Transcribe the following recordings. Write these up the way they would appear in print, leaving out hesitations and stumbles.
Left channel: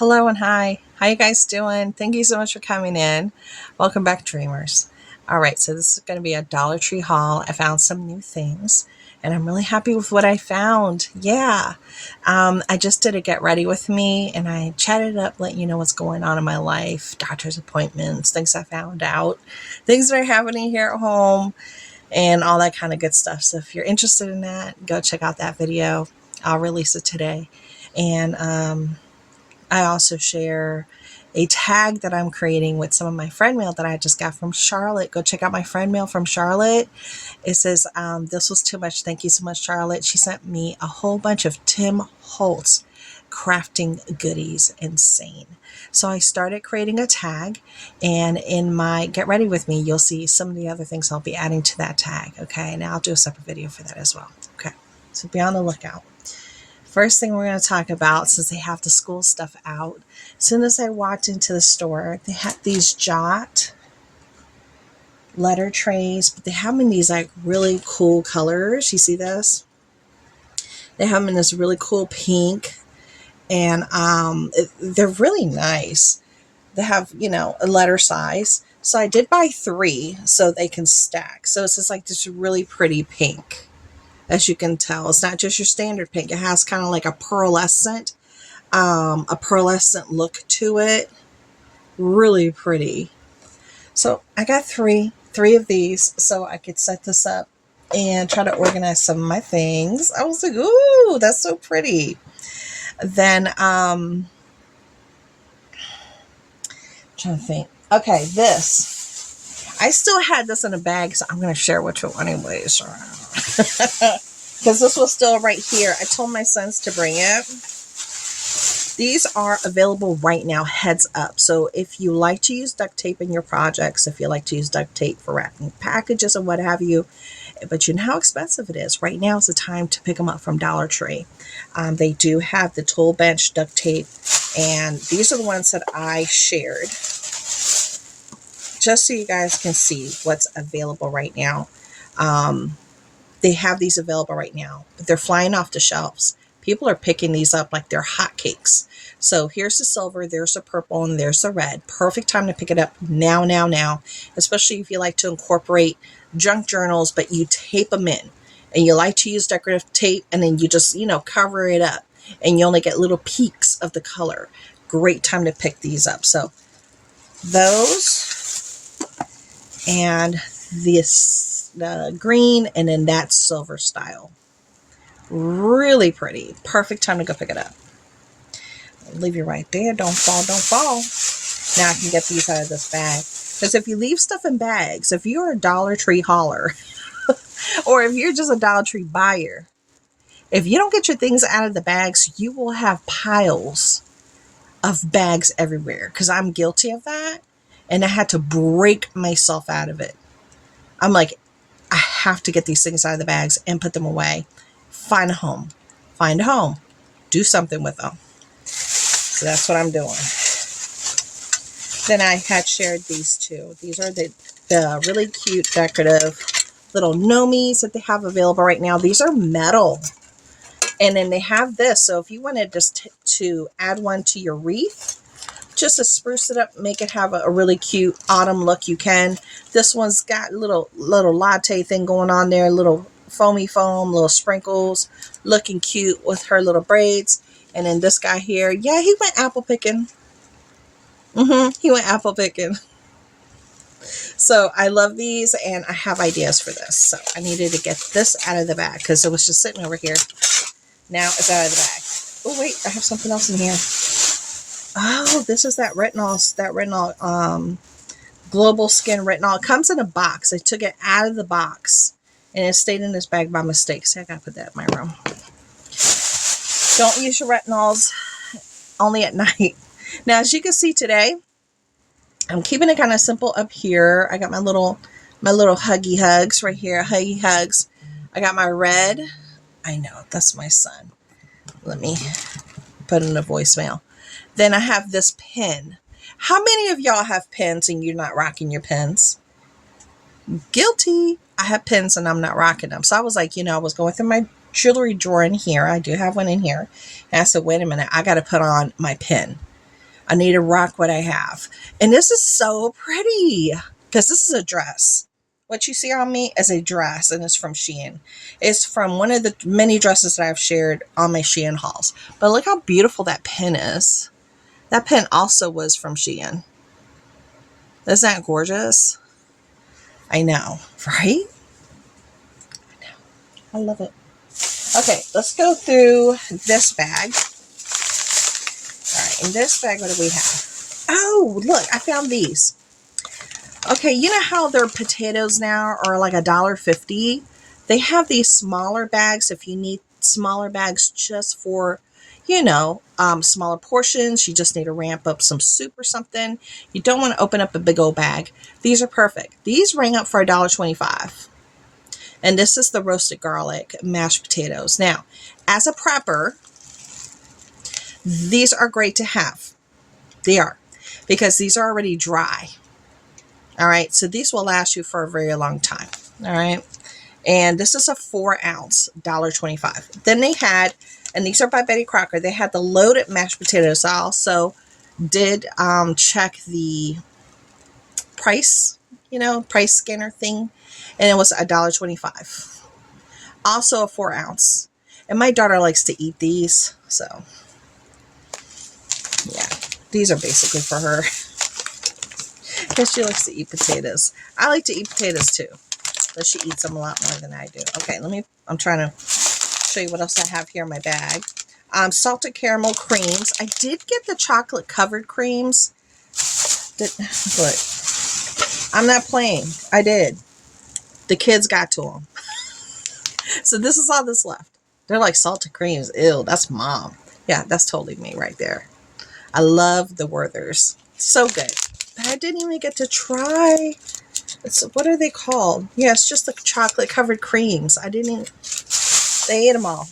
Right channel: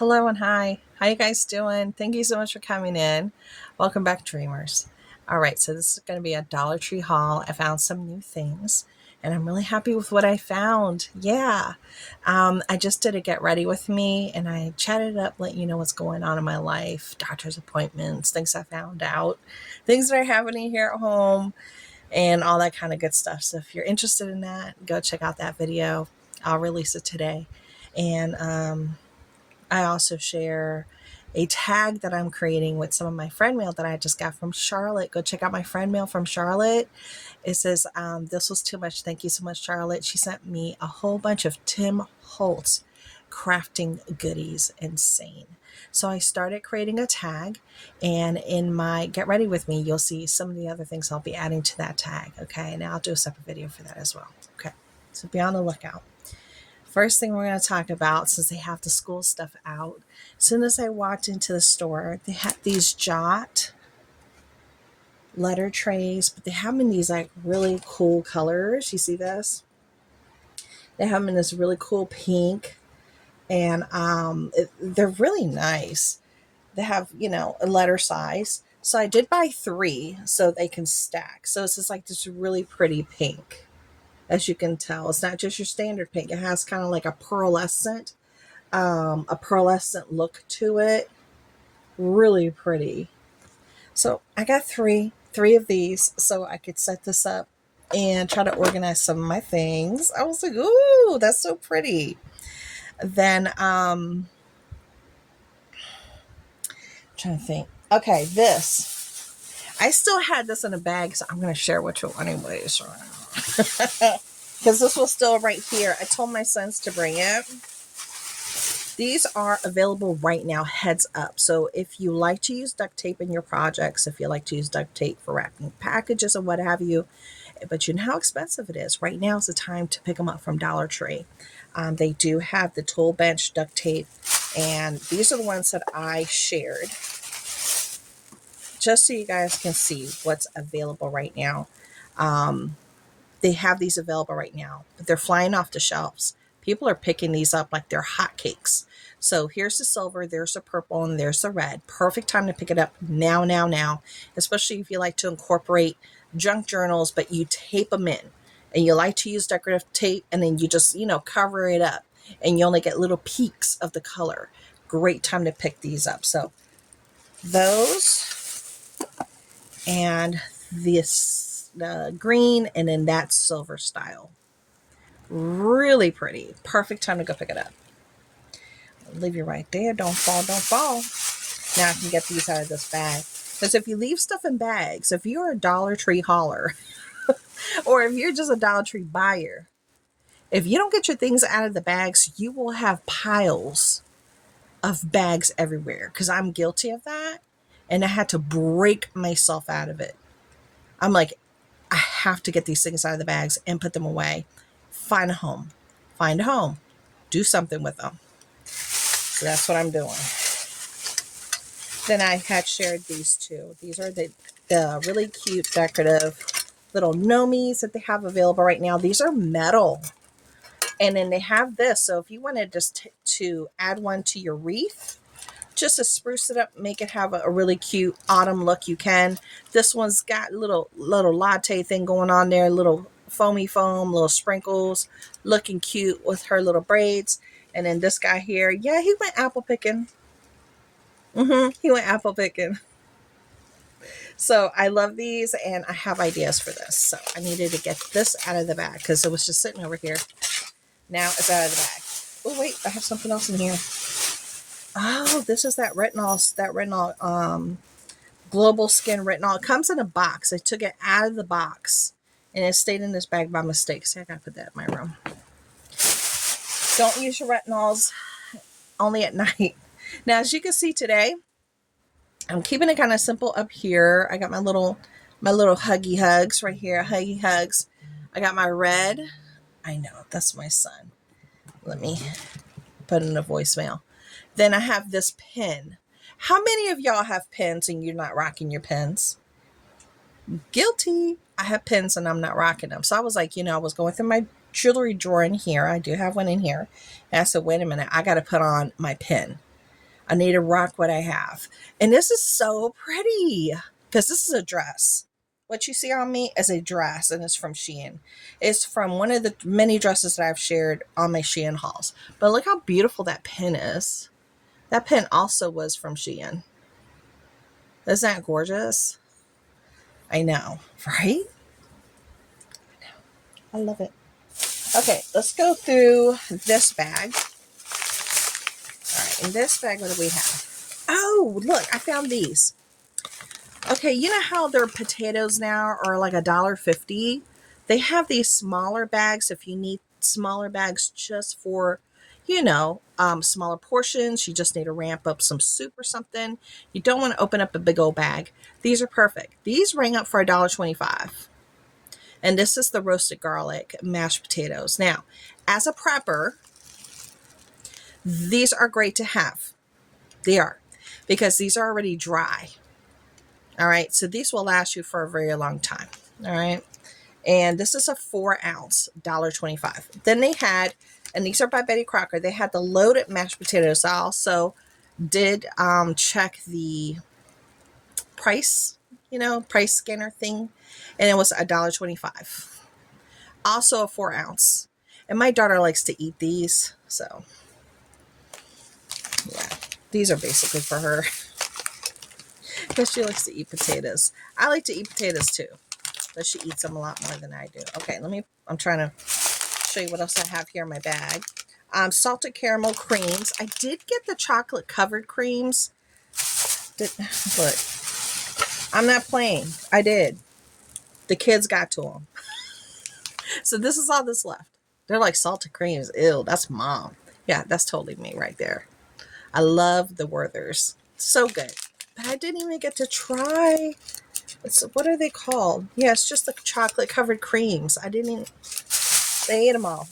Hello and hi. How you guys doing? Thank you so much for coming in. Welcome back, dreamers. All right, so this is going to be a Dollar Tree haul. I found some new things and I'm really happy with what I found. Yeah. I just did a get ready with me and I chatted it up, let you know what's going on in my life, doctor's appointments, things I found out, things that are happening here at home, and all that kind of good stuff. So if you're interested in that, go check out that video. I'll release it today. And I also share a tag that I'm creating with some of my friend mail that I just got from Charlotte. Go check out my friend mail from Charlotte. It says, this was too much. Thank you so much, Charlotte. She sent me a whole bunch of Tim Holtz crafting goodies. Insane. So I started creating a tag, and in my Get Ready With Me, you'll see some of the other things I'll be adding to that tag. Okay, and I'll do a separate video for that as well. Okay, so be on the lookout. First thing we're going to talk about, since they have the school stuff out, as soon as I walked into the store, they had these Jot letter trays, but they have them in these like really cool colors. You see this? They have them in this really cool pink, and they're really nice. They have, a letter size. So I did buy 3 so they can stack. So it's just like this really pretty pink. As you can tell, it's not just your standard pink. It has kind of like a pearlescent look to it. Really pretty. So I got three of these so I could set this up and try to organize some of my things. I was like, ooh, that's so pretty. Then I'm trying to think. Okay, this. I still had this in a bag, so I'm going to share with you anyways. Because this was still right here. I told my sons to bring it. These are available right now, heads up. So if you like to use duct tape in your projects, if you like to use duct tape for wrapping packages and what have you, but you know how expensive it is. Right now is the time to pick them up from Dollar Tree. They do have the Tool Bench duct tape, and these are the ones that I shared, just so you guys can see what's available right now. They have these available right now, but they're flying off the shelves. People are picking these up like they're hotcakes. So here's the silver, there's the purple, and there's the red. Perfect time to pick it up now, especially if you like to incorporate junk journals, but you tape them in. And you like to use decorative tape, and then you just, cover it up. And you only get little peaks of the color. Great time to pick these up. So those, and this green, and then that silver style. Really pretty. Perfect time to go pick it up. Leave you right there. Don't fall. Now I can get these out of this bag. Because if you leave stuff in bags, if you're a Dollar Tree hauler, or if you're just a Dollar Tree buyer, if you don't get your things out of the bags, you will have piles of bags everywhere. Because I'm guilty of that. And I had to break myself out of it. I'm like, I have to get these things out of the bags and put them away. Find a home. Do something with them. So that's what I'm doing. Then I had shared these two. These are the really cute decorative little gnomies that they have available right now. These are metal. And then they have this. So if you wanted just to add one to your wreath, just to spruce it up, make it have a really cute autumn look, you can. This one's got little latte thing going on there, little foamy foam, little sprinkles, looking cute with her little braids. And then this guy here, yeah, he went apple picking. He went apple picking. So I love these, and I have ideas for this. So I needed to get this out of the bag because it was just sitting over here. Now it's out of the bag. Oh wait, I have something else in here. Oh, this is that retinol, Global Skin Retinol. It comes in a box. I took it out of the box, and it stayed in this bag by mistake. So I gotta put that in my room. Don't use your retinols only at night. Now, as you can see today, I'm keeping it kind of simple up here. I got my little huggy hugs right here. Huggy hugs. I got my red. I know, that's my son. Let me put in a voicemail. Then I have this pen. How many of y'all have pens and you're not rocking your pens? Guilty. I have pens and I'm not rocking them. So I was like, I was going through my jewelry drawer in here. I do have one in here. And I said, wait a minute, I got to put on my pen. I need to rock what I have. And this is so pretty because this is a dress. What you see on me is a dress, and it's from Shein. It's from one of the many dresses that I've shared on my Shein hauls. But look how beautiful that pin is. That pin also was from Shein. Isn't that gorgeous? I know, right? I love it. Okay, let's go through this bag. All right, in this bag, what do we have? Oh, look, I found these. Okay, you know how their potatoes now are like $1.50? They have these smaller bags if you need smaller bags just for, smaller portions. You just need to ramp up some soup or something. You don't want to open up a big old bag. These are perfect. These rang up for $1.25. And this is the roasted garlic mashed potatoes. Now, as a prepper, these are great to have. They are, because these are already dry. All right, so these will last you for a very long time. All right, and this is a 4-ounce, $1.25. Then they had, and these are by Betty Crocker, they had the loaded mashed potatoes. I also did check the price, price scanner thing, and it was $1.25. Also a 4-ounce. And my daughter likes to eat these, so yeah, these are basically for her. Because she likes to eat potatoes. I like to eat potatoes too, but she eats them a lot more than I do. Okay, I'm trying to show you what else I have here in my bag. Salted caramel creams. I did get the chocolate covered creams. Look, I'm not playing. I did. The kids got to them. So this is all that's left. They're like salted creams. Ew, that's mom. Yeah, that's totally me right there. I love the Werthers. So good. But I didn't even get to try. What are they called? Yeah, it's just the chocolate covered creams. I didn't even, they ate them all.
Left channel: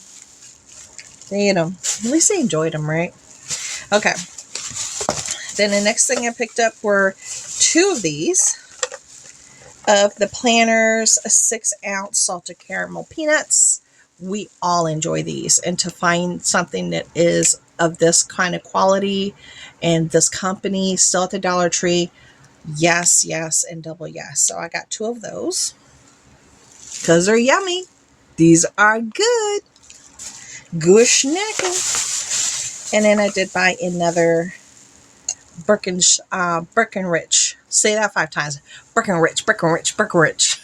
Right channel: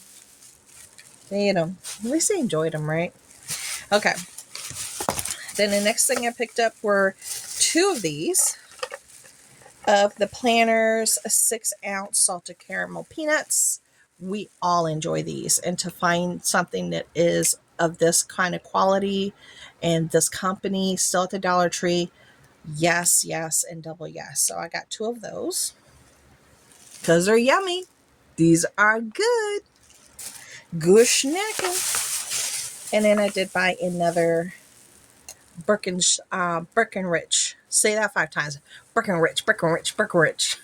They ate them. At least they enjoyed them, right? Okay. Then the next thing I picked up were 2 of these. Of the Planters 6-ounce salted caramel peanuts. We all enjoy these. And to find something that is of this kind of quality and this company still at the Dollar Tree, yes, yes, and double yes. So I got 2 of those because they're yummy. These are good. Good snacking. And then I did buy another Breckenridge. Say that 5 times. Breckenridge, Breckenridge, Breckenridge.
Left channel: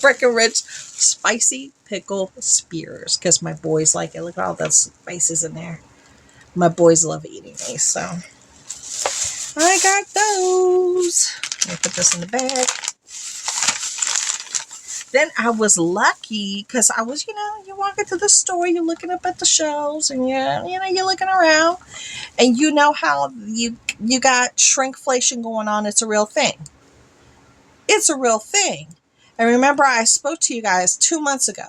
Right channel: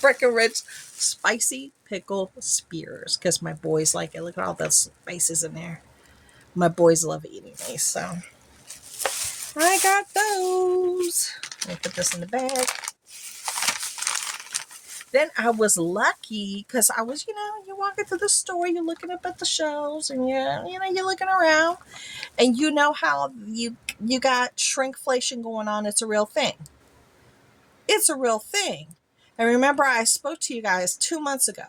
Breckenridge spicy pickle spears because my boys like it. Look at all those spices in there. My boys love eating these, so I got those. Let me put this in the bag. Then I was lucky because I was, you walk into the store, you're looking up at the shelves, and you're looking around, and you know how you got shrinkflation going on. It's a real thing. It's a real thing. And remember, I spoke to you guys 2 months ago.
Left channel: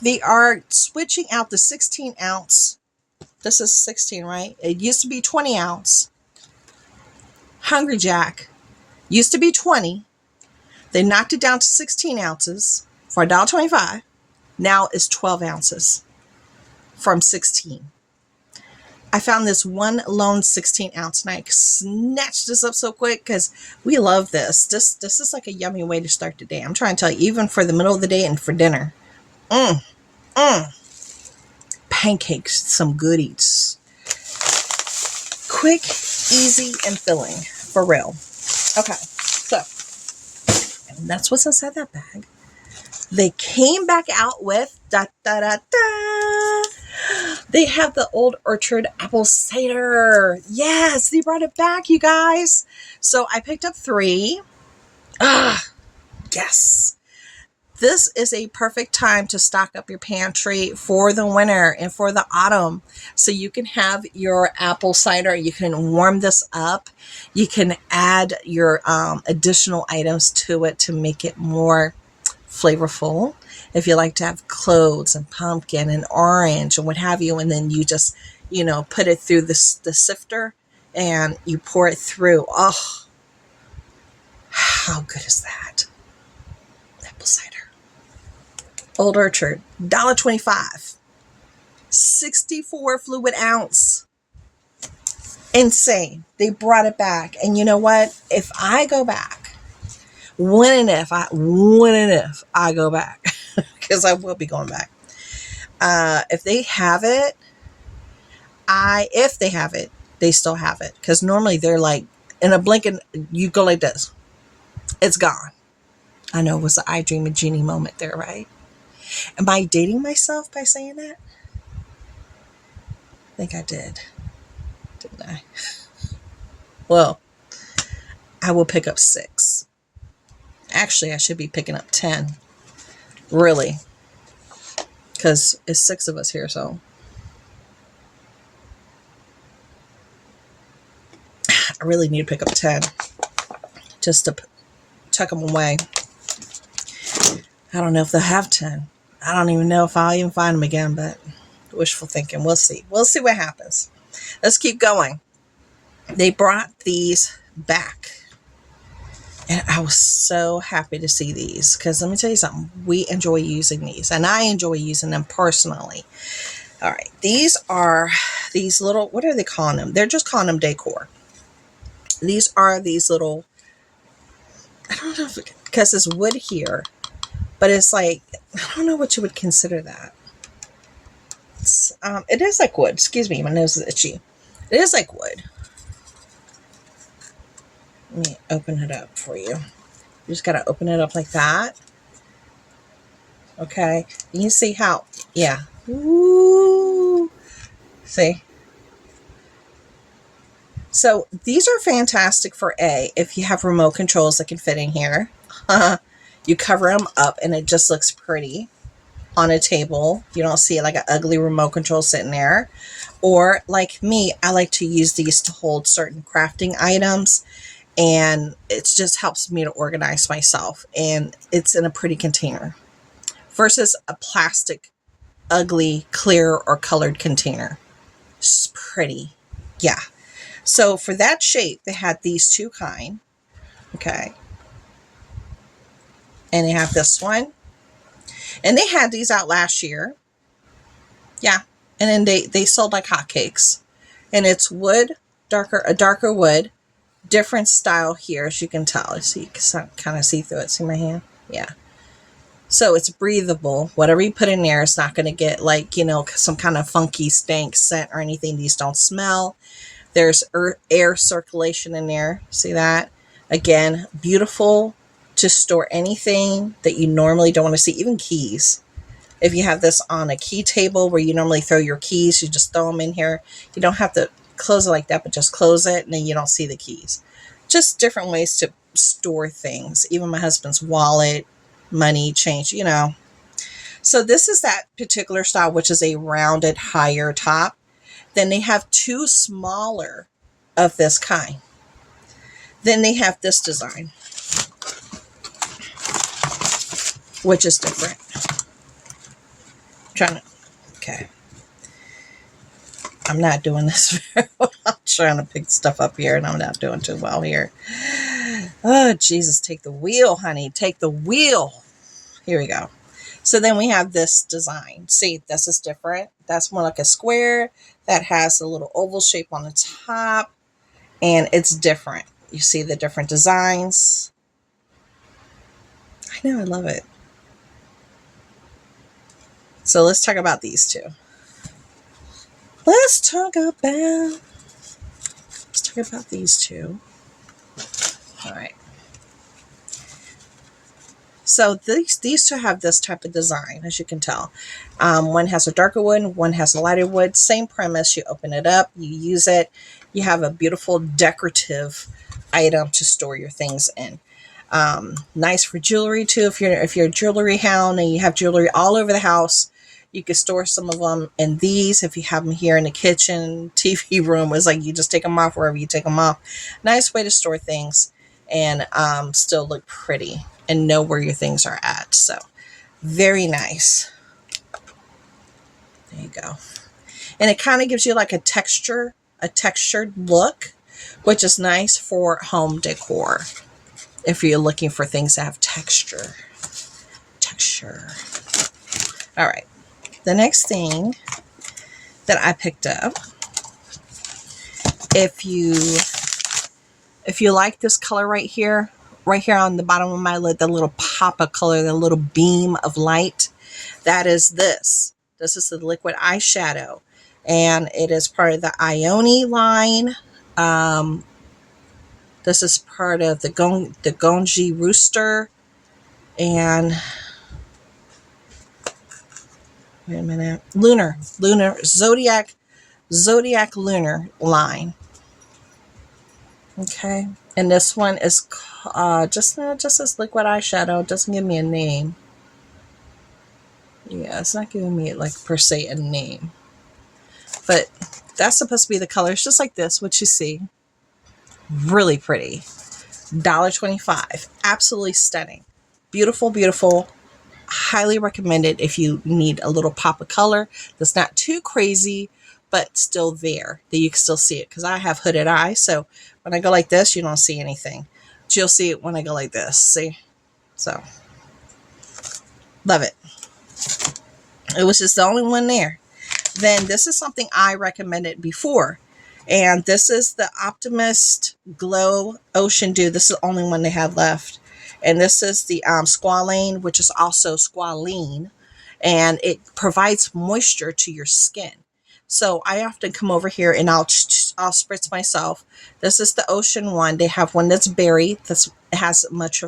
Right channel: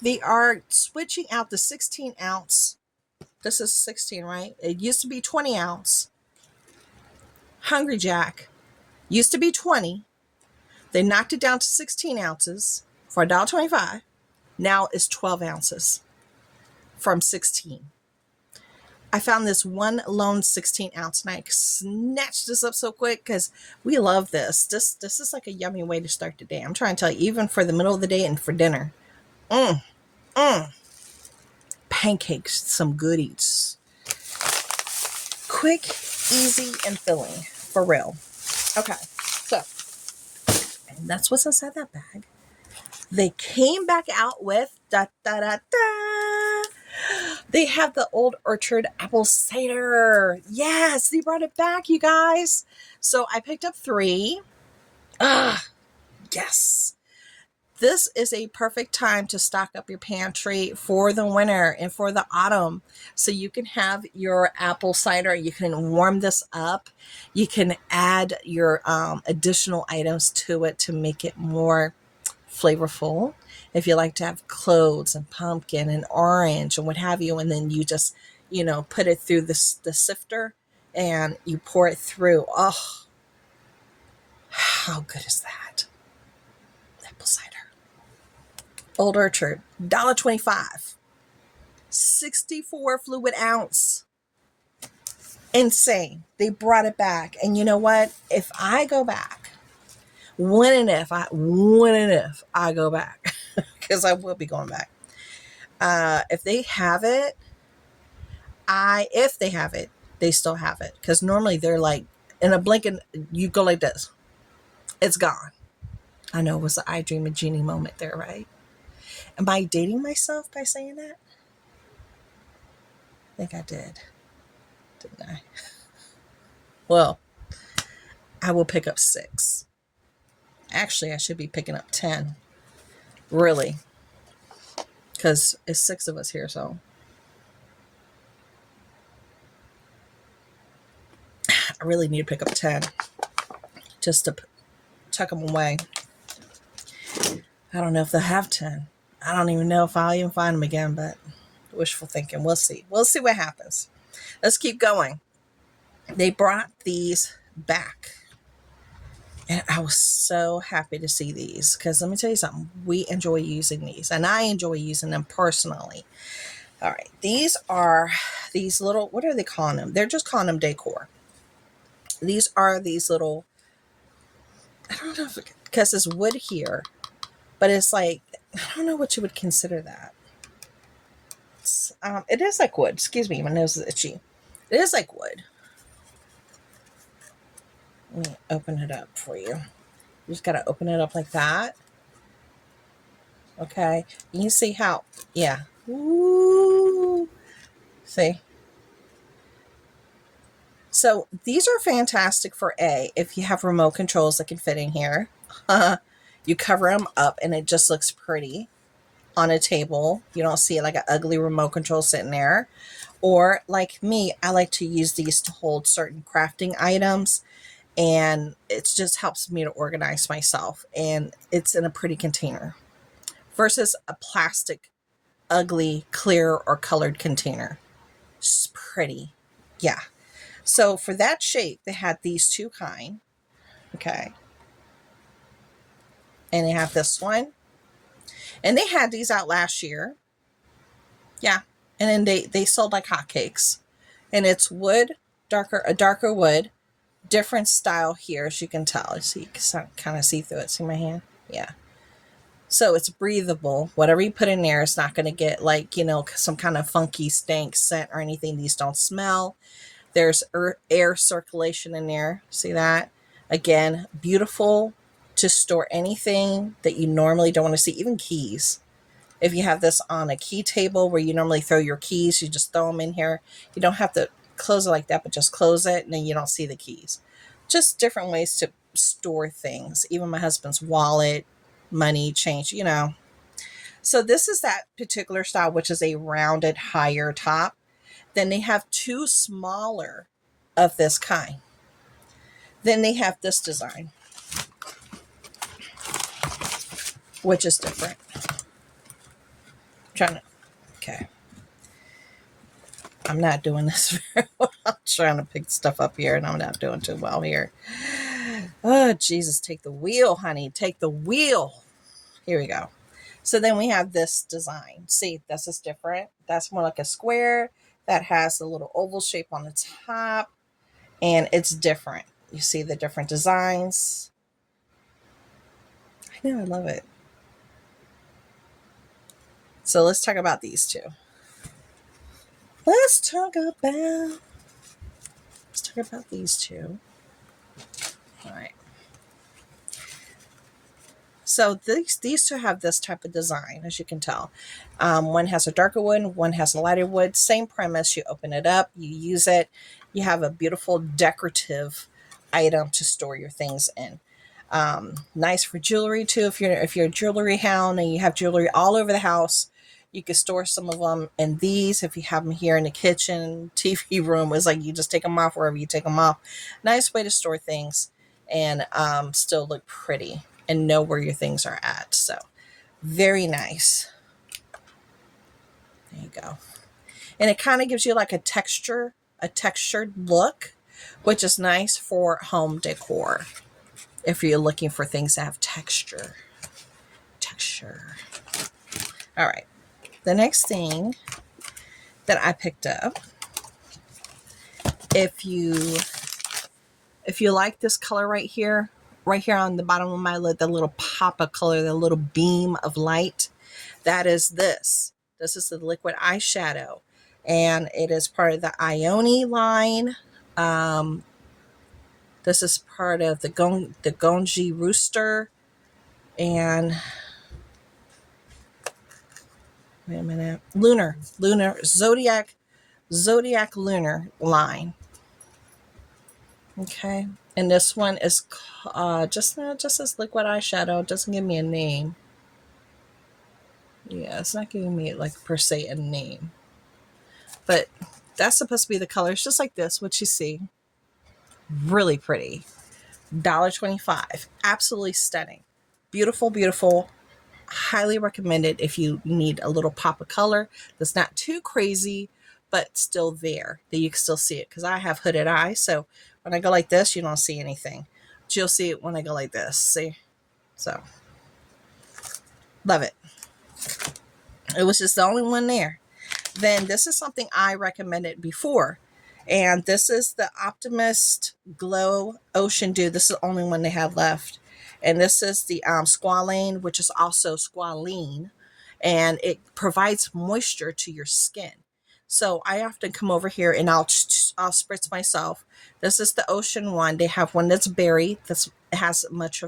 They are switching out the 16-ounce. This is 16, right? It used to be 20-ounce. Hungry Jack used to be 20. They knocked it down to 16 ounces for $1.25. Now it's 12 ounces from 16. I found this one lone 16-ounce, and I snatched this up so quick because we love this. This is like a yummy way to start the day. I'm trying to tell you, even for the middle of the day and for dinner. Pancakes, some goodies. Quick, easy, and filling. For real. Okay, so, and that's what's inside that bag. They came back out with, they have the Old Orchard apple cider. Yes, they brought it back, you guys. So I picked up 3. Yes. This is a perfect time to stock up your pantry for the winter and for the autumn. So you can have your apple cider. You can warm this up. You can add your additional items to it to make it more flavorful. If you like to have cloves and pumpkin and orange and what have you, and then you just, put it through the sifter and you pour it through. Oh, how good is that? Apple cider. Old Orchard, $1.25. 64 fluid ounce. Insane. They brought it back. And you know what? If I go back, when and if I go back, because I will be going back. If they have it, if they have it, they still have it. Because normally they're like, in a blink and you go like this. It's gone. I know it was the I Dream of Genie moment there, right? Am I dating myself by saying that? I think I did. Didn't I? Well, I will pick up 6. Actually, I should be picking up 10. Really. Because it's 6 of us here, so. I really need to pick up 10. Just to tuck them away. I don't know if they'll have 10. I don't even know if I'll even find them again, but wishful thinking. We'll see. We'll see what happens. Let's keep going. They brought these back. And I was so happy to see these because let me tell you something. We enjoy using these and I enjoy using them personally. All right. These are these little, what are they calling them? They're just calling them decor. These are these little, I don't know if because it's wood here, but it's like, I don't know what you would consider that. It is like wood. Excuse me. My nose is itchy. It is like wood. Let me open it up for you. You just got to open it up like that. Okay. You can see how, yeah. Ooh. See? So these are fantastic for if you have remote controls that can fit in here. You cover them up and it just looks pretty on a table. You don't see like an ugly remote control sitting there. Or like me, I like to use these to hold certain crafting items. And it just helps me to organize myself. And it's in a pretty container versus a plastic, ugly, clear, or colored container. It's pretty. Yeah. So for that shape, they had these 2 kind. Okay. And they have this one. And they had these out last year. Yeah. And then they sold like hotcakes. And it's wood, a darker wood. Different style here, as you can tell. So you can kind of see through it. See my hand? Yeah. So it's breathable. Whatever you put in there, it's not going to get like, you know, some kind of funky stank scent or anything. These don't smell. There's air circulation in there. See that? Again, beautiful to store anything that you normally don't want to see, even keys. If you have this on a key table where you normally throw your keys, you just throw them in here. You don't have to close it like that, but just close it and then you don't see the keys. Just different ways to store things. Even my husband's wallet, money, change, you know. So this is that particular style, which is a rounded higher top. Then they have 2 smaller of this kind. Then they have this design, which is different. Okay. I'm not doing this very well. I'm trying to pick stuff up here and I'm not doing too well here. Oh, Jesus, take the wheel, honey. Take the wheel. Here we go. So then we have this design. See, this is different. That's more like a square that has a little oval shape on the top. And it's different. You see the different designs. I know, I love it. So let's talk about these 2. Let's talk about these 2. All right. So these 2 have this type of design, as you can tell. One has a darker wood, one has a lighter wood. Same premise. You open it up, you use it. You have a beautiful decorative item to store your things in. Nice for jewelry too. If you're a jewelry hound and you have jewelry all over the house, you can store some of them in these. If you have them here in the kitchen, TV room, it's like you just take them off wherever you take them off. Nice way to store things and still look pretty and know where your things are at. So very nice. There you go. And it kind of gives you like a textured look, which is nice for home decor. If you're looking for things that have texture. All right. The next thing that I picked up If you like this color right here on the bottom of my lid, the little pop of color, the little beam of light, that is this. This is the liquid eyeshadow, and it is part of the Ione line. This is part of the Gonji Rooster, and wait a minute, Lunar Zodiac Lunar line. Okay, and this one is just as liquid eyeshadow. It doesn't give me a name. Yeah, it's not giving me like per se a name, but that's supposed to be the color. It's just like this, what you see. Really pretty. $1.25. Absolutely stunning. Beautiful, beautiful. Highly recommended if you need a little pop of color that's not too crazy, but still there, that you can still see it. Because I have hooded eyes, so when I go like this, you don't see anything. But you'll see it when I go like this. See? So, love it. It was just the only one there. Then this is something I recommended before. And this is the Optimist Glow Ocean Dew. This is the only one they have left. And this is the squalane, which is also squalene. And it provides moisture to your skin. So I often come over here and I'll spritz myself. This is the Ocean one. They have one that's berry. This has much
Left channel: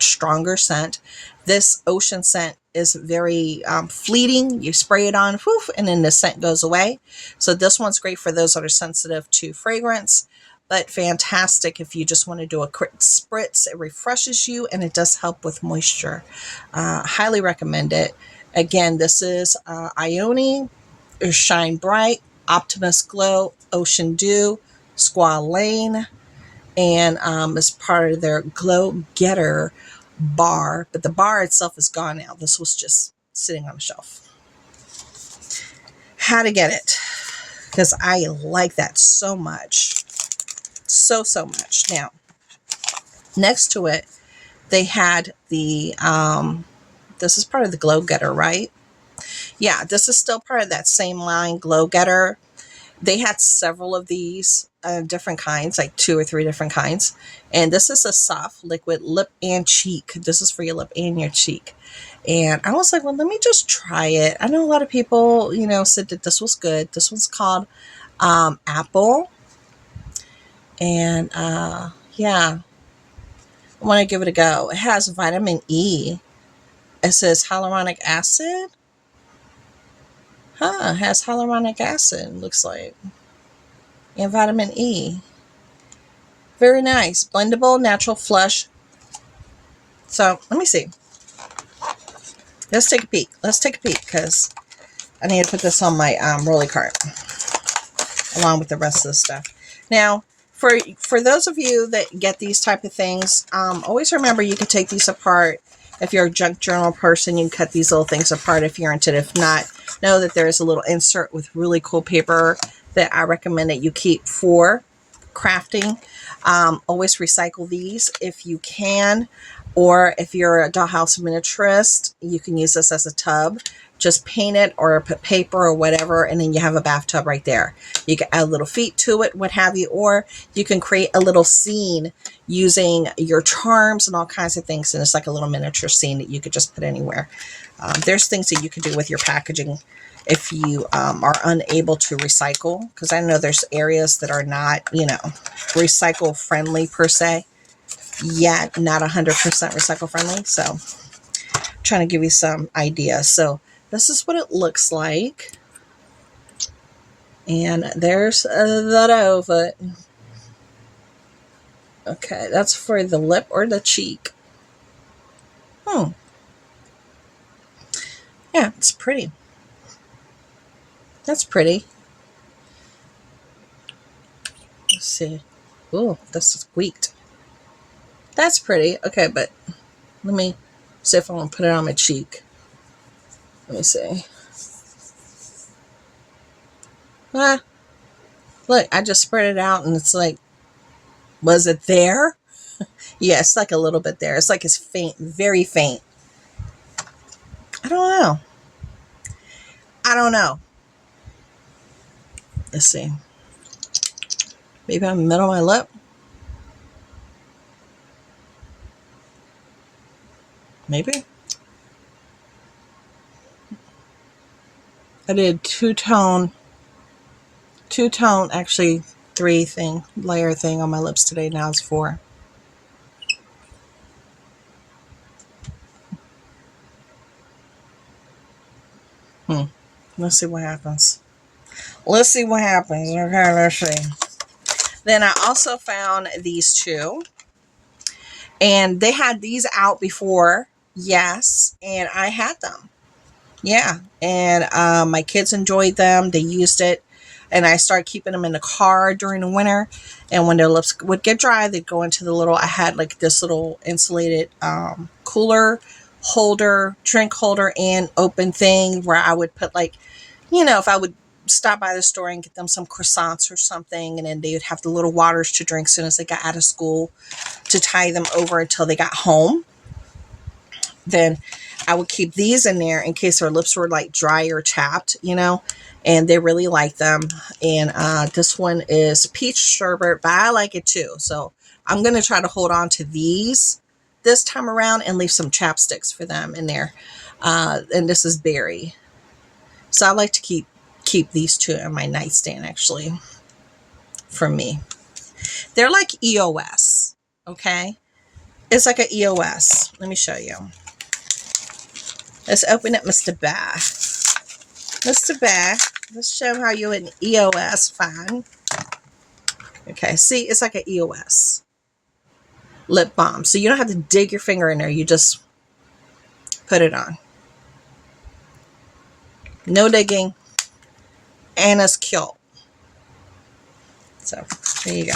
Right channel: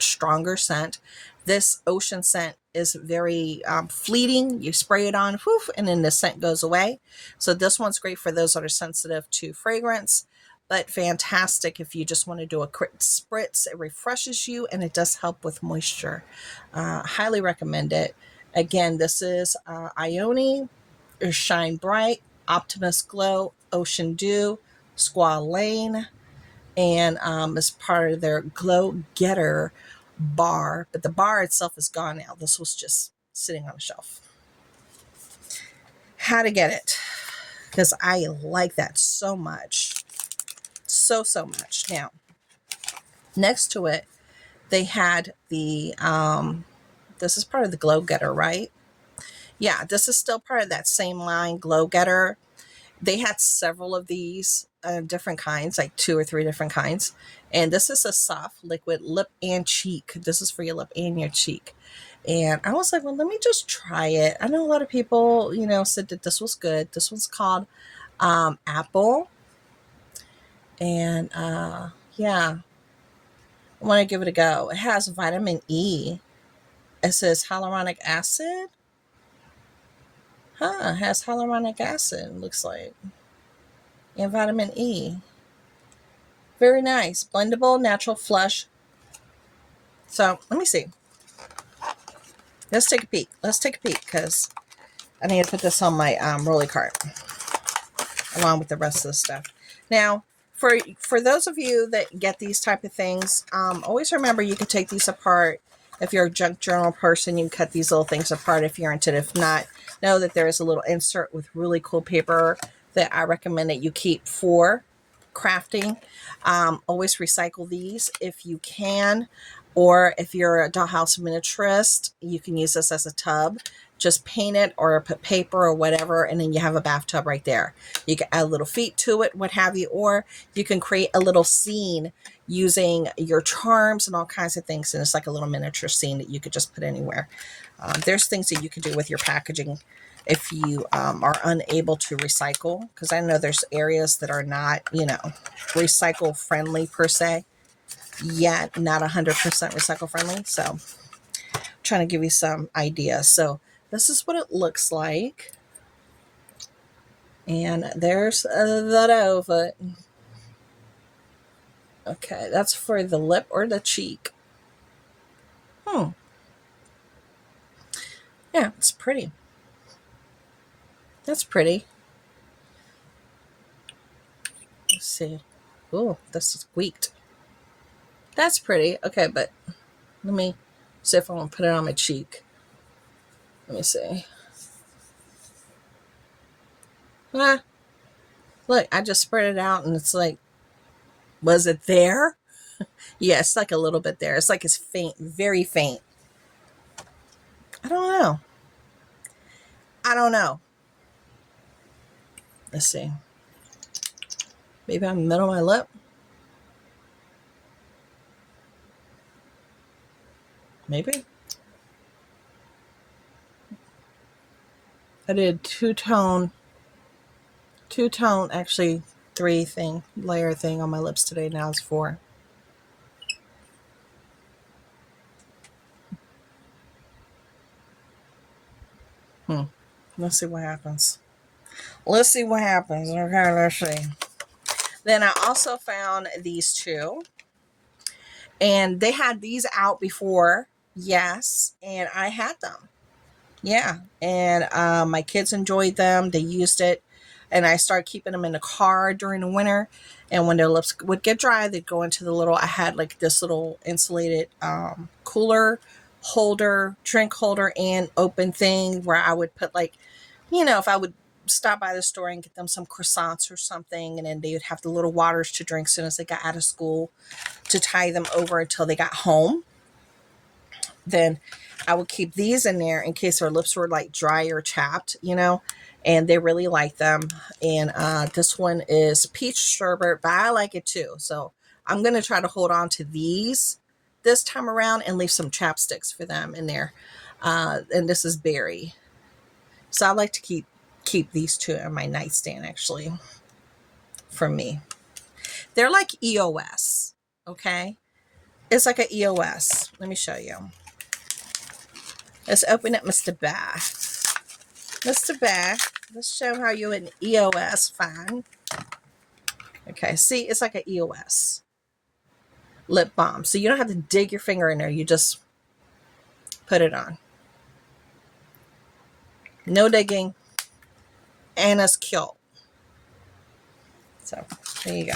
stronger scent. This Ocean scent is very fleeting. You spray it on, whoof, and then the scent goes away. So this one's great for those that are sensitive to fragrance, but fantastic if you just want to do a quick spritz. It refreshes you and it does help with moisture. Highly recommend it. Again, this is Ione, Shine Bright, Optimus Glow, Ocean Dew, Squalane, and is part of their Glow Getter bar, but the bar itself is gone now. This was just sitting on a shelf. Had to get it because I like that so much. So much. Now, next to it, they had the, this is part of the Glow Getter, right? Yeah, this is still part of that same line, Glow Getter. They had several of these different kinds, like 2 or 3 different kinds. And this is a soft liquid lip and cheek. This is for your lip and your cheek. And I was like, well, let me just try it. I know a lot of people, said that this was good. This one's called Apple. And yeah, I want to give it a go. It has vitamin E. It says hyaluronic acid. It has hyaluronic acid, looks like. And vitamin E. Very nice. Blendable, natural flush. So, let me see. Let's take a peek. Because I need to put this on my rolly cart along with the rest of the stuff. Now, for those of you that get these type of things, always remember you can take these apart. If you're a junk journal person, you can cut these little things apart if you're into it. If not, know that there is a little insert with really cool paper that I recommend that you keep for crafting. Always recycle these if you can, or if you're a dollhouse miniaturist, you can use this as a tub. Just paint it or put paper or whatever, and then you have a bathtub right there. You can add little feet to it, what have you, or you can create a little scene using your charms and all kinds of things, and it's like a little miniature scene that you could just put anywhere. There's things that you can do with your packaging if you are unable to recycle, because I know there's areas that are not, recycle friendly per se, yet not 100% recycle friendly. So I'm trying to give you some ideas. So this is what it looks like. And there's the dough of it. Okay, that's for the lip or the cheek. Yeah, it's pretty. That's pretty. Let's see. Ooh, this is squeaked. That's pretty. Okay, but let me see if I want to put it on my cheek. Let me see. Look, I just spread it out and it's like, was it there? Yeah, it's like a little bit there. It's like it's faint, very faint. I don't know. Let's see. Maybe on the middle of my lip. Maybe. I did two-tone, actually 3 layer thing on my lips today. Now it's 4. Let's see what happens. Let's see what happens. Okay, let's see. Then I also found these 2. And they had these out before. Yes. And I had them. Yeah. And my kids enjoyed them. They used it. And I started keeping them in the car during the winter. And when their lips would get dry, they'd go into the little, I had like this little insulated cooler holder, drink holder, and open thing where I would put like, if I would stop by the store and get them some croissants or something, and then they would have the little waters to drink as soon as they got out of school, to tie them over until they got home. Then I would keep these in there in case their lips were like dry or chapped, and they really like them. And this one is peach sherbet, but I like it too. So I'm going to try to hold on to these this time around and leave some chapsticks for them in there. And this is berry. So I like to keep these 2 in my nightstand, actually, for me. They're like EOS, okay? It's like an EOS. Let me show you. Let's open up Mr. Bear. Mr. Bear, let's show how you an EOS find. Okay, see, it's like an EOS lip balm. So you don't have to dig your finger in there. You just put it on. No digging. And it's cute. So there you go.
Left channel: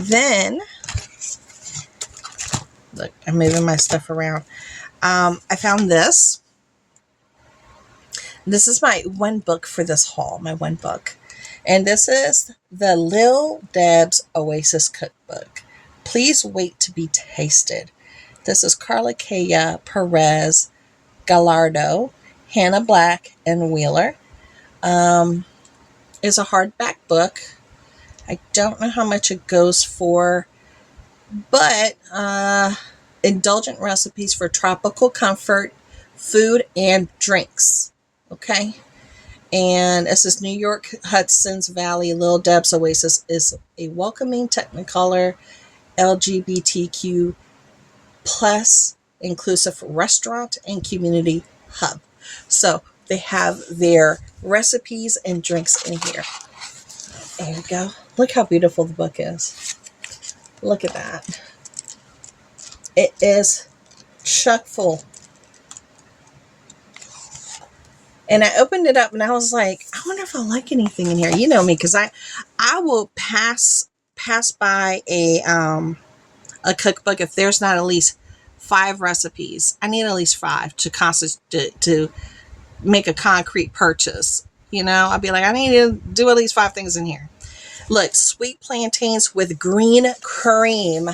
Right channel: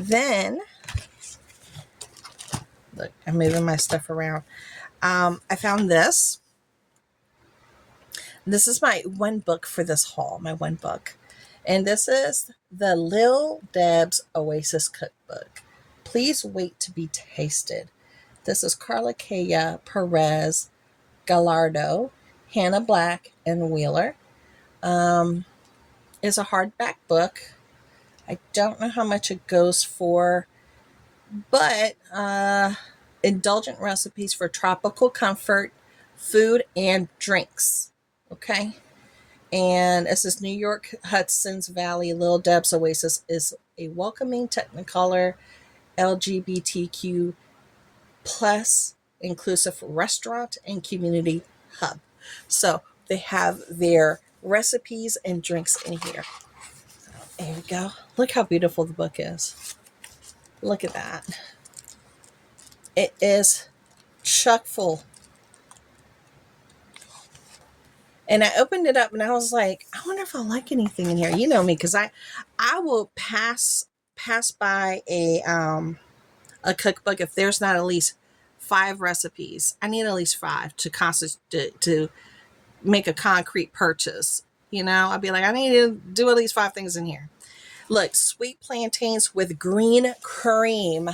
Then, look, I'm moving my stuff around. I found this. This is my one book for this haul, my one book. And this is the Lil Deb's Oasis Cookbook. Please wait to be tasted. This is Carla Kaya Perez Gallardo, Hannah Black, and Wheeler. It's a hardback book. I don't know how much it goes for, but indulgent recipes for tropical comfort, food, and drinks. Okay. And this is New York Hudson's Valley. Lil Deb's Oasis is a welcoming Technicolor LGBTQ plus inclusive restaurant and community hub. So they have their recipes and drinks in here. There you go. Look how beautiful the book is. Look at that. It is chock full. And I opened it up and I was like, I wonder if I'll like anything in here. You know me, because I will pass by a cookbook if there's not at least 5 recipes. I need at least 5 to make a concrete purchase. I'd be like, I need to do at least 5 things in here. Look, sweet plantains with green cream.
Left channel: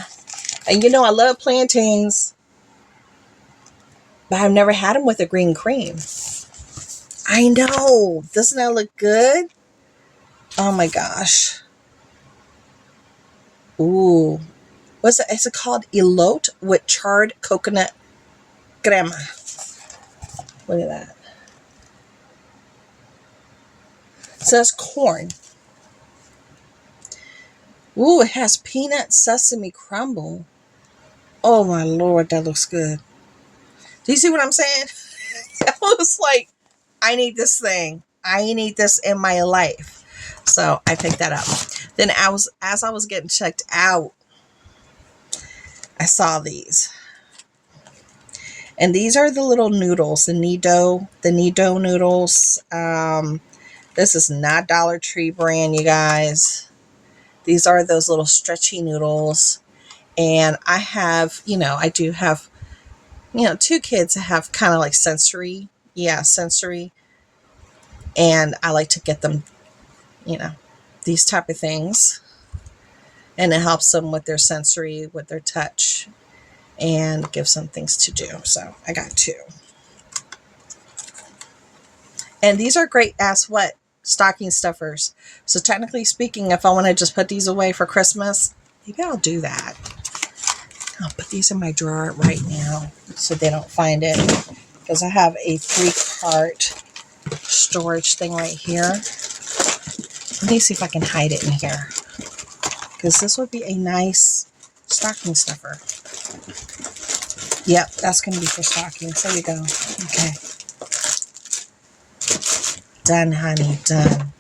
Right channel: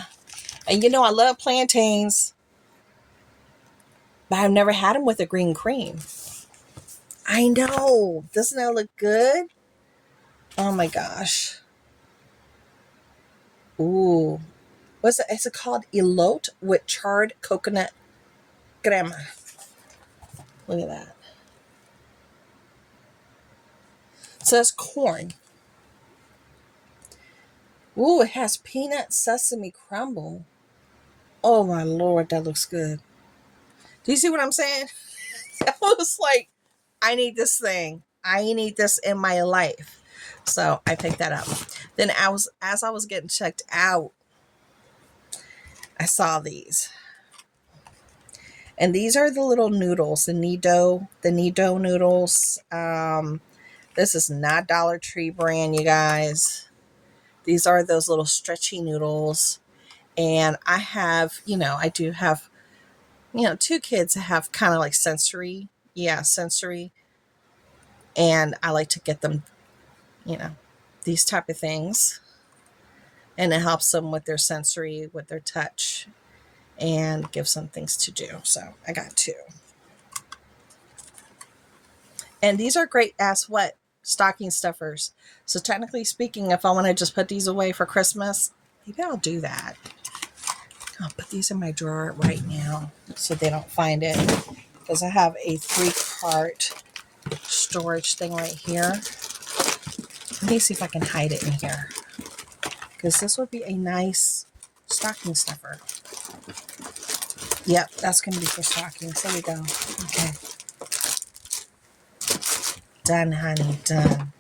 And I love plantains, but I've never had them with a green cream. I know. Doesn't that look good? Oh my gosh. Ooh. What's it? Is it called Elote with charred coconut crema? Look at that. So that's corn. Ooh, it has peanut sesame crumble. Oh my Lord, that looks good. Do you see what I'm saying? I was like, I need this thing. I need this in my life. So I picked that up. Then as I was getting checked out, I saw these. And these are the little noodles, the Nido noodles. This is not Dollar Tree brand, you guys. These are those little stretchy noodles. And I have, I do have, 2 kids that have kind of like sensory. Yeah, sensory. And I like to get them, these type of things. And it helps them with their sensory, with their touch, and gives them things to do. So I got 2. And these are great as what? stocking stuffers. So technically speaking, if I want to just put these away for Christmas, maybe I'll do that. I'll put these in my drawer right now so they don't find it, because I have a 3-cart storage thing right here. Let me see if I can hide it in here, because this would be a nice stocking stuffer. Yep, that's going to be for stockings. There you go. Okay. Done, honey, done.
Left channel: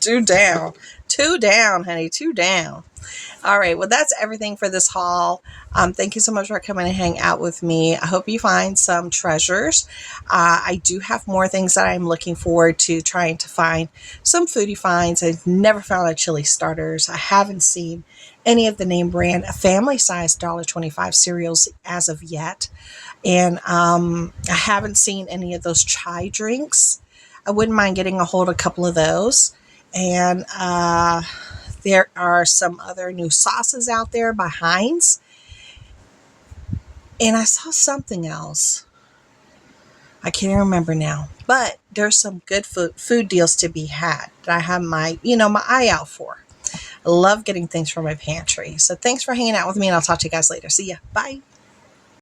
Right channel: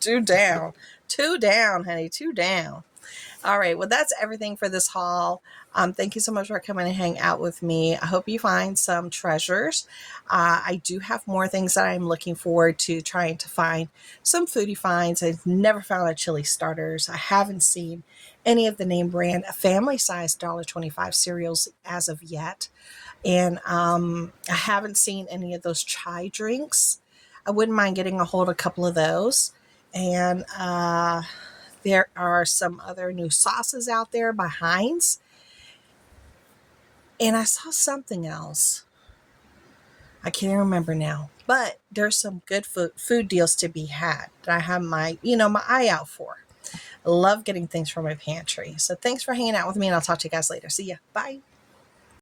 2 down. 2 down, honey, 2 down. All right, well, that's everything for this haul. Thank you so much for coming and hang out with me. I hope you find some treasures. I do have more things that I'm looking forward to trying to find. Some foodie finds. I've never found a chili starters. I haven't seen any of the name brand family-sized $1.25 cereals as of yet. And I haven't seen any of those chai drinks. I wouldn't mind getting a hold of a couple of those. And there are some other new sauces out there by Heinz. And I saw something else. I can't remember now. But there's some good food deals to be had that I have my eye out for. I love getting things from my pantry. So thanks for hanging out with me, and I'll talk to you guys later. See ya. Bye.